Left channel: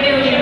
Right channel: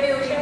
Deus you.